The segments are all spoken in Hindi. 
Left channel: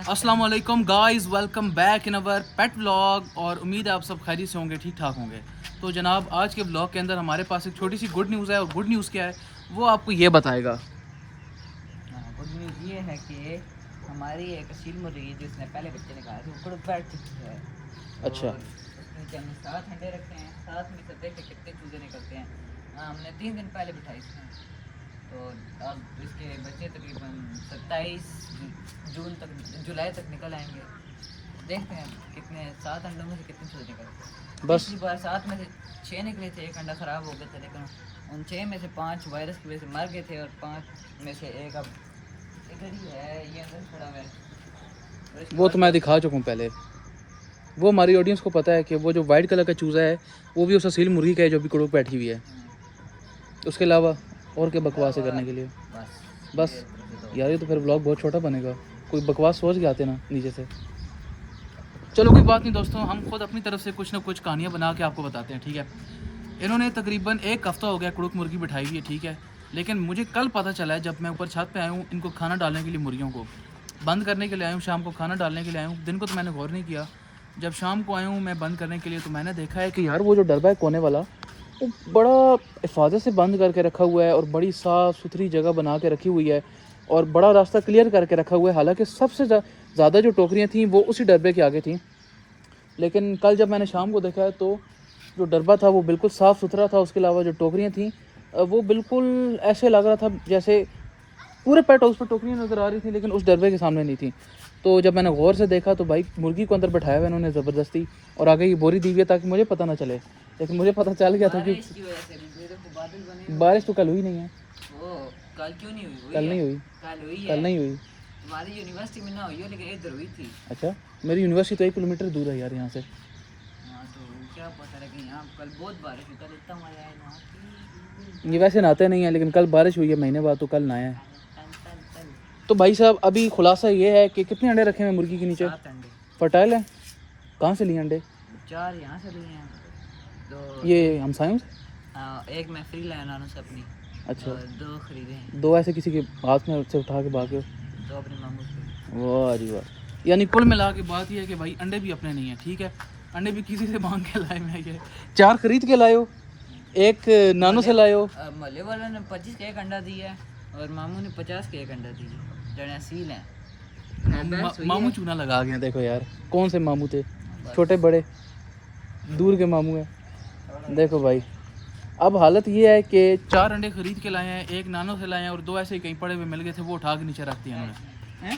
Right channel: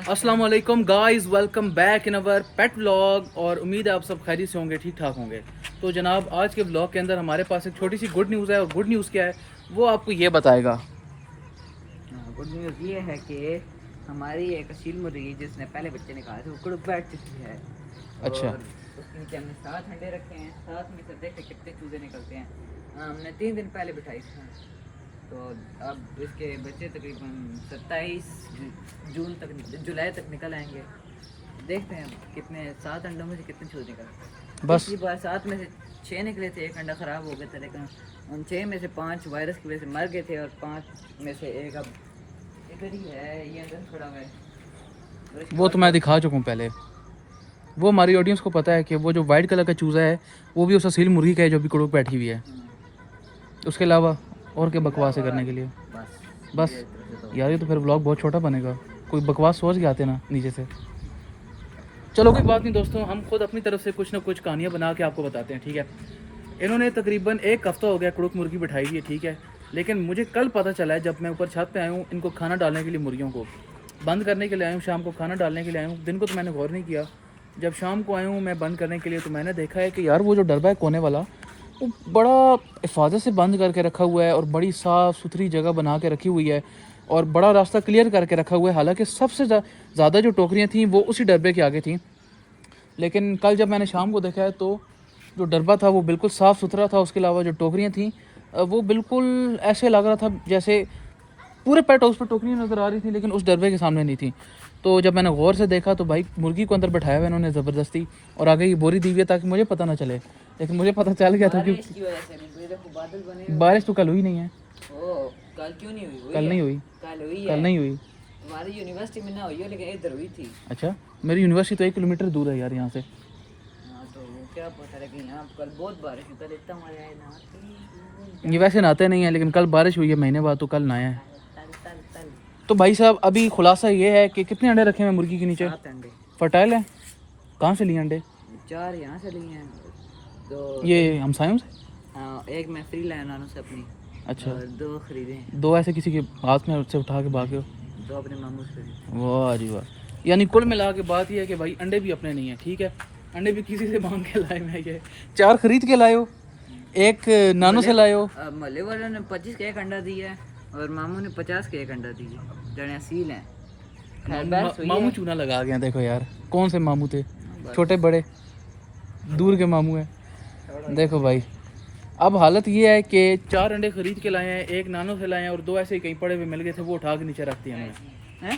अस्सलाम वालेकुम guys, welcome back in our pet vlog. और उम्मीद है आप सब खैरियत से होंगे, ठीक ठाक होंगे। तो जनाब आज के व्लॉग के अंदर हमारे पास एक छोटी सी गुड न्यूज़ है, और गुड न्यूज़ क्या है वो आपको ये बताएगा। गुड न्यूज़ ये है कि हमारी एक असील मुर्गी जिसने पहले बच्चे निकाले थे वो कुड़ बैठ चुकी है। अच्छा। और उसके नीचे हमने 7 अंडे रखे हैं, 7 में से देखे कितने चूजे निकलते हैं। हमने 3 दिन पहले बिठाई थी, तो अब इसके बच्चे तकरीबन 27 जून तक जुलाई तक निकल आएंगे। देखते हैं कितने 7 अंडों में से कितने चूजे निकलते हैं। बस पिछली बार 7 में से 6 निकले थे, एक अंडा ख़राब हो गया था, लेकिन उन 6 में से 5 वायरस की वजह से मर गए थे और 5 में से एक अब इधर ही है, ये इधर खड़ा हुआ है। वो तो मैं दिखा चुका हूँ पहले। वो हमारी ऑडियंस को पता है कि वो जो वाइट कलर का चूज़ा है वो भी उस असील मुर्गी का है जो अभी कुड़ुक बैठी हुई है। उसके अलावा और क्या बकवास है करने के लिए? बस यार ये तो फिर व्लॉग बहुत छोटा बनेगा। कोई बकवास सोच के आते ना नीचे से। चलो कोई बात नहीं दोस्तों, हम खुद अपनी तरफ से कुछ ना कुछ कहानियाँ बना के आपको बताते हैं, ठीक है। इन्होंने तकरीबन 1 हफ्ता हो गया कुड़ुक मुर्गी बिठाई हुई है, ठीक है। लेकिन मुझे कल पता चला है, जब मैं ऊपर छत पे आया हूँ इनको खाना डालने के लिए, मुर्गियों को बंद करने के लिए आया हूँ, शाम को खाना डालने के लिए आया हूँ। दिन को तो मैंने गौर नहीं किया, जब शाम को आया हूँ मैं बंद करने के लिए तो मैंने देखा है कि यार वो जो डरबा है कोने वाला वो बड़ा हिफाजत से बंद करके रखा हुआ है और बड़ी साफ़ सुथरी जगह बना के रखी हुई है और बड़ा रास्ता क्लियर करके रखा हुआ है। हालांकि सबसे ज़्यादा जो टोकरियाँ थीं वो उसी डरबे के आगे थीं, लेकिन कल जब मैंने शाम को देखा है तो जो डरबा था वो बिल्कुल साफ़ सुथरा था। उसके अलावा जो टोकरियाँ थीं वो बिल्कुल ऐसे लग रहा था जैसे पूरे पेट हाउस पर टोकरियाँ नज़र आ रही थी, लेकिन उस डरबे के सामने नहीं थी। तो जब मैंने गौर से देखा तो भाई मुर्गी को अंदर बैठाया हुआ इन्होंने ज़बरदस्ती, और आगे ये बोरी दी गई ताकि मुझे पता ना चले, लेकिन मुझे पता चल गया था कि बारिश की वजह से नहीं, देखो बादल बने हुए। बारिश तो कल हुई नहीं है। ओ कल क्यों नहीं हुई? कल नहीं हुई, कल हुई कल है। नहीं हुई। हमारी यूनिवर्सिटी में ना हुई हो, लेकिन इधर हुई थी। अच्छा, मेरी यूनिवर्सिटी तो 1 किलोमीटर दूर है यार यहाँ से। हाँ, तो क्या पता है कि यहाँ कल बहुत बारिश हुई, कल इतना मजा आया ना। ये वैसे नहाते नहीं है, लेकिन कल बारिश हुई है, महीने बाद, तो कल नहाया है। तल तल तल तो भाई साहब अभी खुलासा ये है कि कितने अंडे रखे हुए हैं मुर्गी के नीचे? 7 अंडे। फर्टाइल है? कहाँ से लिए अंडे? 4 यहाँ से लिए हैं, तो ये हमसायों से? एक मैं फ्री लाया नानों से अपनी। अच्छा। और 2 खरीदे हैं, 2 ऐसे किसी के हाथ में उससे उठा के भागे? 2 अपने मामू से। वाह जी वाह। यानी कुल मिला के बात यह है कि भाई अंडे भी अपने नहीं है, ठीक है। अंडे भी किसी से मांग के लाए मैं, ये 4 खरीद के लाए हो, 1 नानू से लाए हो। मोहल्ले वालों ने 25 का 1 अंडा दिया है और मामू ने 50 का 1 अंडा दिया। जने असील हैं। मामू चूना लगा गए हैं, देखो यार कौन से मामू थे, छोटे बड़े दूर के मामू हैं। देखो भाई अब हालत ये है कि 4 अंडे खरीद के लाए हैं, 1 नानों से लाए हैं और 2 ऐसे ही कहीं पड़े हुए मिल गए थे, वो उठा के नीचे रख दिए इन्होंने। हैं?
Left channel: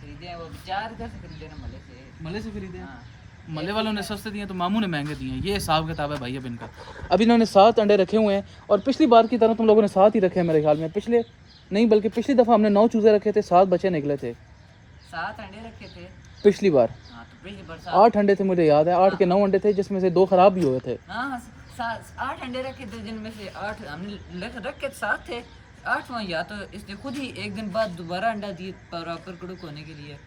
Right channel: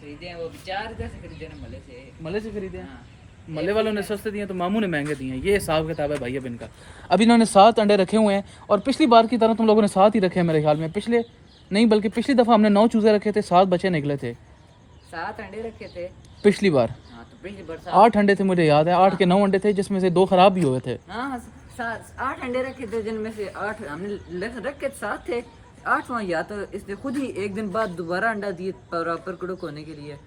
खरीदे हैं वो 4 घर से खरीदे ना मोहल्ले से। मले से खरीदे हैं? हाँ। मले वालों ने सस्ते दिए तो मामू ने महंगे दिए हैं। ये हिसाब किताब है भाई अब इनका। अभी इन्होंने 7 अंडे रखे हुए हैं और पिछली बार की तरह तुम लोगों ने 7 ही रखे हैं मेरे ख्याल में। पिछले नहीं बल्कि पिछली दफ़ा हमने 9 चूज़े रखे थे, 7 बच्चे निकले थे 7 अंडे रखे थे पिछली बार। हाँ, तो पिछली बार 8 अंडे थे, मुझे याद है 8 के 9 अंडे थे, जिसमें से 2 खराब भी हुए थे। हाँ 8 अंडे रखे थे, जिनमें से 8 हमने रखे 7 थे। 8वां या तो इसने खुद ही 1 दिन बाद दोबारा अंडा दिए प्रॉपर कुड़ुक होने के लिए,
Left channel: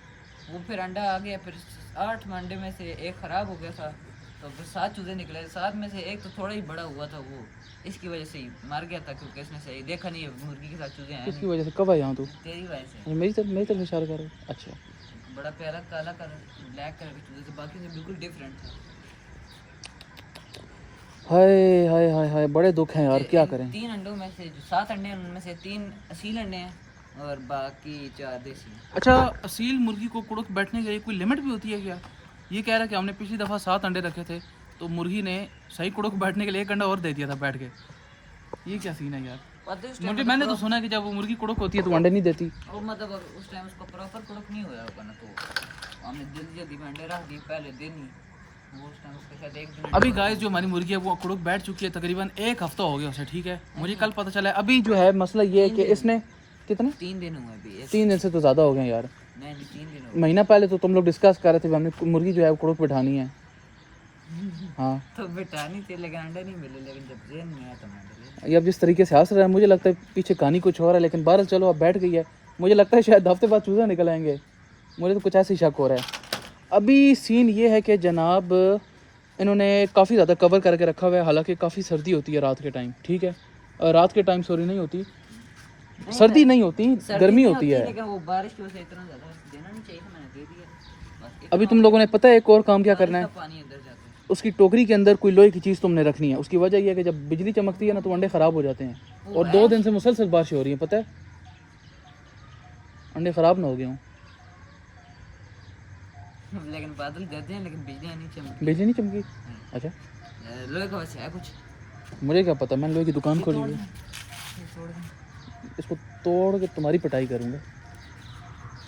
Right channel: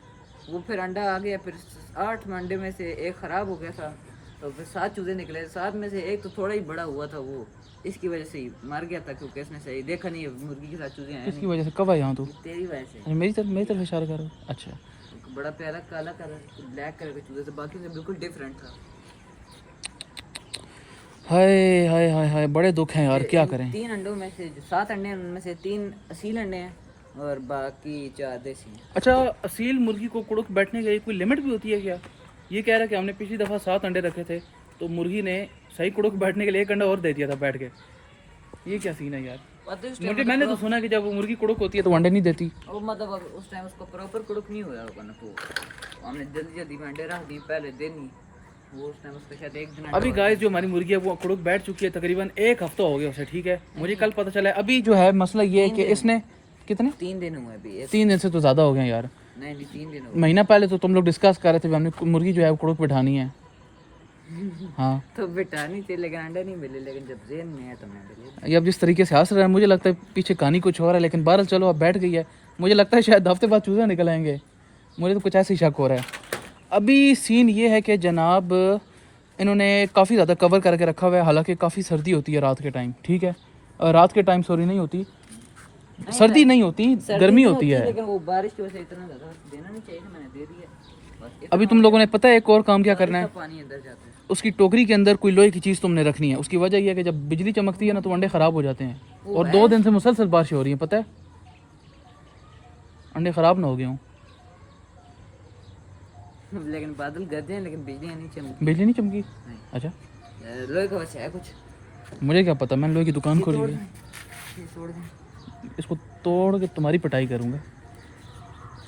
वो फिर अंडा आ गया। फिर 8 अंडे में से 1 ख़राब हो गया था, तो फिर 7 चूज़े निकले। 7 में से 1 तो थोड़ा ही बड़ा हुआ था, वो इसकी वजह से ही मर गया था, क्योंकि इसमें से देखा नहीं है मुर्गी के साथ चूज़े हैं इसकी नहीं। वजह से कब आया हूँ तू? तेरी वजह से। ये मेरी तरफ इशारा कर रहा है। अच्छा। एक बड़ा प्यारा काला कलर ब्लैक कलर के चूज़े थे, बाकी से बिल्कुल डिफरेंट था। हाय हाय हाय हाय, बड़े दुख हैं यार, क्या करें। 3 अंडों में से जो 7 अंडे हैं उनमें से 3 असील अंडे हैं और बाकी 4 देसी हैं। अच्छा, असील मुर्गी को कुड़ुक बैठने के लिए कोई लिमिट भी होती है क्या? ये कह रहा है कि हमने पिछली दफ़ा 7 अंडे रखे थे तो मुर्गी ने सही कुड़ुक बैठने के लिए 1 अंडा और दे दिया था बैठ के। ये क्या सीन है यार? मैंने तो सुना कि जब वो मुर्गी कुड़ुक होती है तो अंडे नहीं देती। वो मतलब उस टाइम उसको प्रॉपर कुड़ुक नहीं हुआ होगा ना, तो हमने जल्दी जल्दी में अंडे रख दिए पहले दिन। वो उस टाइम उसके शायद 1 दिन अभी गाइस जो हमारी मुर्गी है वो कुड़ुक बैठ चुकी है, तकरीबन 1 हफ्ता हो गया उसे, ठीक है। मुझे कल पता चला है। अभी जो है मसला ये है कि इसने कितने 3 दिन हुए अभी। 3 दिन से तो ज़्यादा हो गए यार। नहीं 3 दिन हुए। महीना पहले तो तुम लोग डिस्कस कर रहे थे कि हमने मुर्गी जो है वो कुड़ुक बिठानी है। हाँ तो बिठानी थी, लेकिन अंडे नहीं मिले, लेकिन जब जेन में है तो मैं ये अब जिस तरीके से हंस रहा है मुझे लगता है पीछे कहानी कुछ और है, लेकिन बहरहाल चलो अब बैठ गई है। मुझे लगता है शायद हफ्ते बाद चूज़े निकल आएंगे, मुझे तो कुछ ऐसे ही शक हो रहा है। अभी सीन ये है कि जनाब इन्होंने काफ़ी ज़्यादा कवर करके रखा हुआ है, हालांकि काफ़ी सर्दी होती है रात के टाइम, ठीक है। रात के टाइम सॉरी नहीं होती, सर्दी नहीं होती, सर्दी गर्मी नहीं होती है। लेकिन वो बारिश की वजह से इतना ज़्यादा देना नहीं चाहिए, मैंने दे दिया बस। अभी तुम लोगों ने पता है एक और काम क्या करना इतना है, पानी अंदर जाता है। उसकी टोकरी के अंदर कोई लोहे की चीज़ तुमने रखनी है। उसकी वजह यह है कि जब बिजली चमकती है ना तो अंडे ख़राब हो जाते हैं, और 2 दिन से मुसलसल बारिश हो रही है, पता है अंडे ख़राब ना हो गए हों। लेकिन बादल गरजे हैं लेकिन बिजली नहीं चमकी। बिजली नहीं चमकी? अच्छा, लोहे का वैसे है कुछ। मुझे क्या पता, मैंने लोहे की दुकान खोली तोड़ हुई है। दें, तोड़ दें। इसको तोड़ के तुम्हारी पिटाई करूँगा।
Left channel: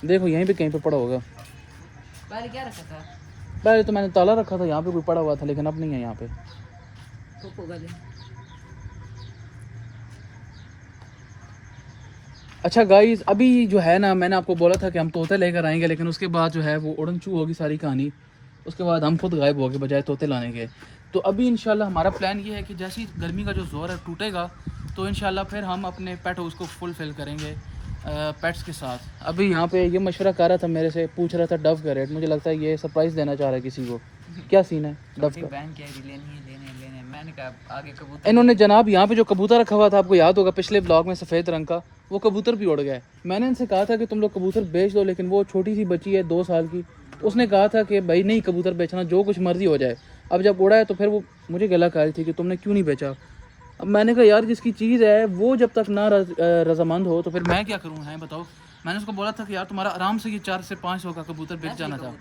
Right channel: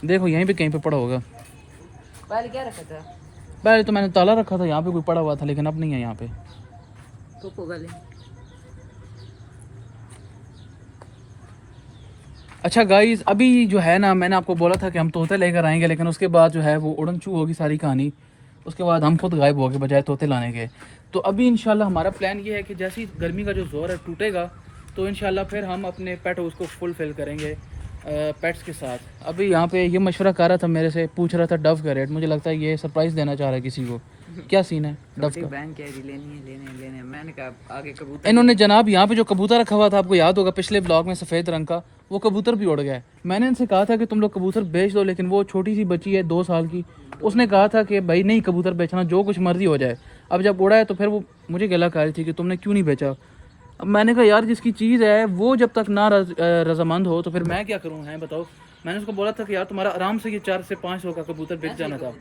देखो यहीं पे कहीं पे पड़ा होगा। पहले क्या रखा था? पहले तो मैंने ताला रखा था, यहाँ पे कोई पड़ा हुआ था, लेकिन अब नहीं है यहाँ पे। तो गले अच्छा गाइस, अभी जो है ना, मैंने आपको बोला था कि हम तोते लेकर आएंगे, लेकिन उसके बाद जो है वो उड़न छू होगी सारी कहानी। उसके बाद हम खुद गायब हो गए बजाय तोते लाने के। तो अभी इंशाल्लाह हमारा प्लान ये है कि जैसे ही गर्मी का जो जोर है टूटेगा तो इंशाल्लाह फिर हम अपने पेट उसको फुलफिल करेंगे पेट्स के साथ। अभी यहाँ पे ये मशवरा कर रहा था मेरे से, पूछ रहा था डव का रेट। मुझे लगता है ये सरप्राइज़ देना चाह रहा है किसी को। क्या सीन है डव छोटी का? बहन कह रही लेने मैंने कहा आगे कबूतर। इन्होंने जनाब यहाँ पे जो कबूतर रखा हुआ था, आपको याद होगा पिछले ब्लॉग में, सफ़ेद रंग का, वो कबूतर भी उड़ गया है। मैंने इनसे कहा था कि तुम लोग कबूतर बेच दो, लेकिन वो छोटी सी बच्ची है 2 साल की, उसने कहा था कि भाई नहीं कबूतर बेचना, जो कुछ मर्जी हो जाए। अब जब उड़ा है तो फिर वो मुझे गला कह रही थी कि तुमने क्यों नहीं बेचा। अब मैंने कहा यार जिसकी चीज़ है वो जब तक ना रजामंद हो तो फिर मैं क्या करूँ, हैं बताओ। मैंने उसको बोला था कि यार तुम्हारा आराम से ये 400 से 500 का कबूतर बेच जाना था।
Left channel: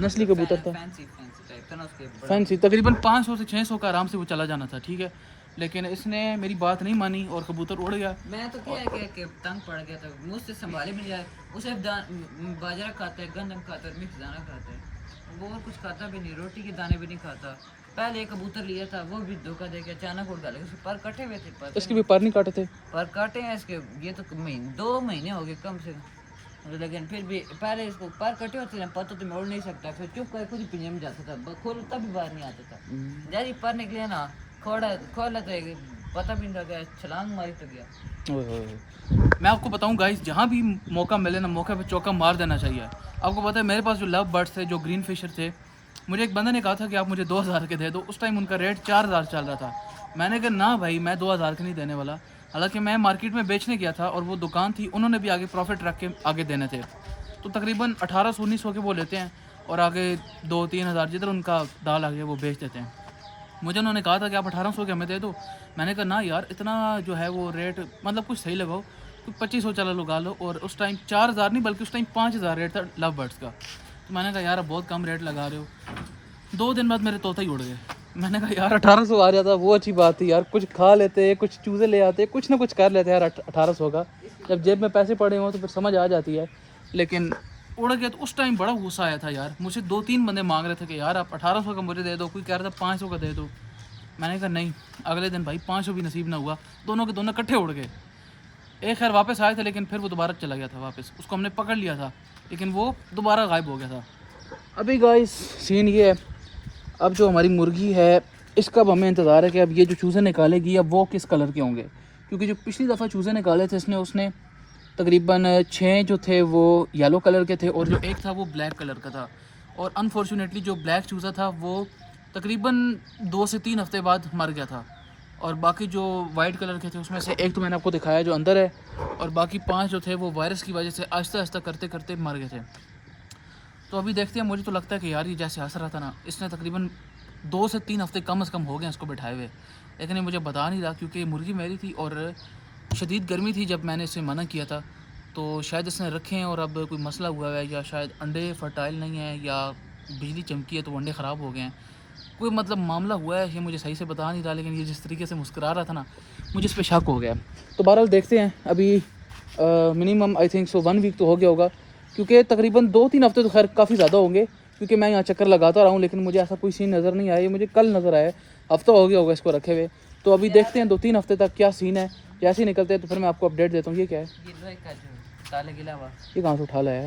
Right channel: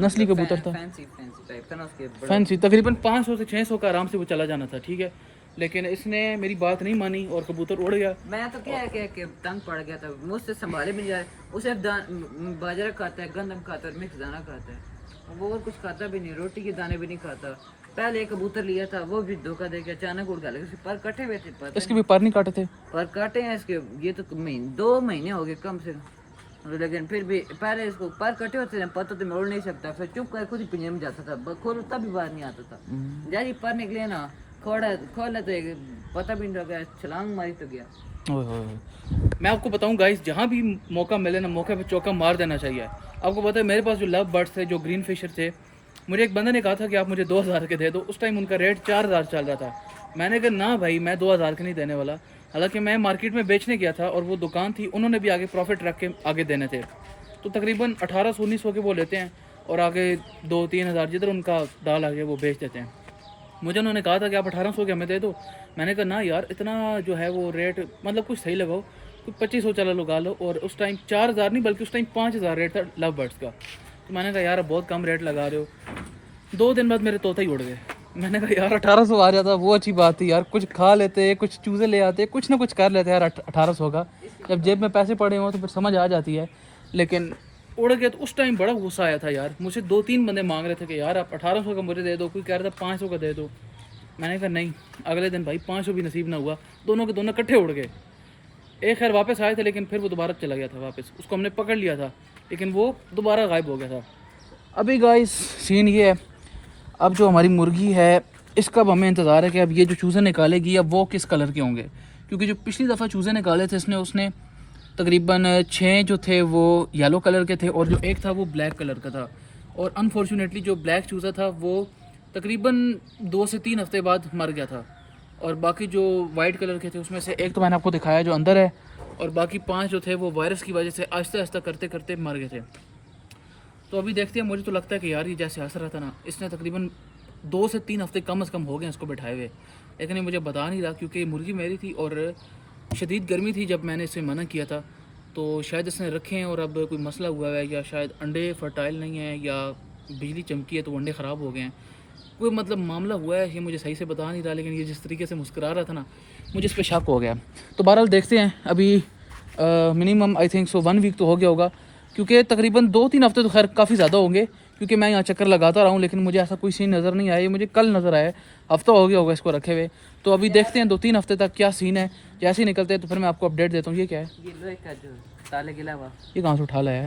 नस्ली कबूतर था, फैंसी टाइप था ना उसके बड़ा। फैंसी, तकरीबन 500 से 600 का आराम से वो चला जाना था, ठीक है। लेकिन इसने मेरी बात नहीं मानी और कबूतर उड़ गया। मैं तो क्या है कि तंग पड़ गया था, मुझसे संभाले भी नहीं जाए। उसे बाजरा खाता है, गंदम खाता है, मिक्स दाना खाता है, वो और कुछ खाता भी नहीं, रोटी के दाने भी नहीं खाता। पहले एक कबूतर लिया था, वो भी धोखा दे के अचानक उड़ गया, लेकिन उसके पर कटे हुए थे। पर इसके भी पर नहीं काटे थे? पर काटे हैं इसके, ये तो 2 महीने हो गए कम से कम, लेकिन फिर भी पहले इसको पर कटे होते थे, पता तो मैं उड़ नहीं सकता, फिर चुप कर खुद ही पिंजरे में जाता था, खोल तब भी बाहर नहीं आता था। जैसे पर निकले ना खोला तो एक पता भी नहीं लगा, छलांग मारी तो गया। ओए होए। मैं आपको बताऊं गाइस, जहाँ भी मौका मिले ना, मौके पे चौका मार देना चाहिए। आपको पता है मेरे पास जो लव बर्ड्स थे, जो ग्रीन फिशर थे, मुझे एक बंदे ने कहा था कि आप मुझे 2000 के दे दो। उस टाइम उनका रेट 4000 चल रहा था। मैंने कहा ना भाई, मैं 2000 के नहीं देने वाला। हालांकि मैं मार्केट में बेचने गया था और वो दुकान थी, उन्होंने भी आगे प्रॉफिट रख के आगे देने थे, तो तकरीबन 1800-1900 के वो लेते हैं और आगे 2-3 हज़ार जिधर उनका दाल आगे वो बेच देते हैं। मुझे उन्होंने कहा था कि आप 1800 के हमें दे दो। मैंने कहा ना यार, इतना जो है वो रेट मतलब कुछ सही लगाओ, तो 2500 चला लगा लो। और उस टाइम 4000 नहीं बल्कि उस टाइम 5000 रेट था लव बर्ड्स का। तो मैंने कहा यार अब बहुत कम रेट लगा रहे हो। 2 दिन बाद मेरे तोता ही उड़ गए। मैंने कहा यार 1800 आ जाता, वो अच्छी बात थी यार, कुछ खा लेते, कुछ चूज़े ले आते, कुछ ना कुछ कर लेते यार। 1800 का जब जेब में पैसे पड़े हों तो फिर समझ आ जाती है। लेकिन उड़ गए तो उस टाइम बड़ा गुस्सा आया था यार। मुझे 2-3 बंदे मांग रहे थे कि यार आप 1800 का मुझे दे दो, कोई कह रहा था 500 का दे दो। मैंने कहा नहीं। अगले दिन भाई 500 भी नसीब ना हुआ, दोनों के दोनों इकट्ठे उड़ गए। एक खैर वापस आए थे, लेकिन फिर वो दोबारा चला गया था वापस। उसको हमने पकड़ लिया था, लेकिन वो दोबारा गायब हो गया था। अभी गाइस सीन ये है, अब जो हमारी मुर्गी है इसका अब हमें इंतज़ार है कि अब ये जो चूज़े निकालेगी अब वो किस कलर के होंगे। क्योंकि जो पिछली दफ़ा चूज़े निकाले थे उसने तकरीबन 6 जो थे वो येलो कलर के थे और जो एक था वो ब्लैक कलर का था। और अनफॉर्चुनेटली जो ब्लैक चूज़ा था वो तकरीबन 2 से 3 हफ्ते बाद मर गया था। और बाकी जो वाइट कलर के थे उसमें से एक तो मैंने आपको दिखाया जो अंदर है, और बाकी 5 जो थे वो वायरस की वजह से आहिस्ता आहिस्ता करते करते मर गए थे। तो अभी देखते हैं। मुझे तो लगता है कि यार ये जैसे हंस रहा था ना, इसने तकरीबन 2 से 3 हफ्ते कम से कम हो गए इसको बैठाए हुए, लेकिन ये मुझे बता नहीं रहा क्योंकि मुर्गी मेरी थी और शदीद गर्मी थी जब मैंने इसे मना किया था। तो शायद इसने रखे हैं और अब कोई मसला हुआ है, या शायद अंडे फर्टाइल नहीं है, या बिजली चमकी है तो अंडे ख़राब हो गए हैं। कोई मतलब मामला हुआ है, ये मुझे सही से बता नहीं रहा, लेकिन ये जिस तरीके से मुस्कुरा रहा था ना, मुझे इस पर शक हो गया। तो बहरहाल देखते हैं। अभी मिनिमम आई थिंक 1 वीक तो हो गया होगा, क्योंकि तकरीबन 2-3 हफ्ते तो खैर काफ़ी ज़्यादा होंगे, क्योंकि मैं यहाँ चक्कर लगाता रहा हूँ, लेकिन मुझे ऐसा कोई सीन नज़र नहीं आया। ये मुझे कल नज़र आया, हफ्ता हो गया होगा इसको रखे हुए। तो अभी देखते हैं 2-3 हफ्ते तक क्या सीन है। जैसे ही निकलते हैं तो फिर मैं आपको अपडेट देता हूँ। ये क्या है? ये लोहे का जो ताले गिला हुआ, ये कहाँ से उठा लाया है?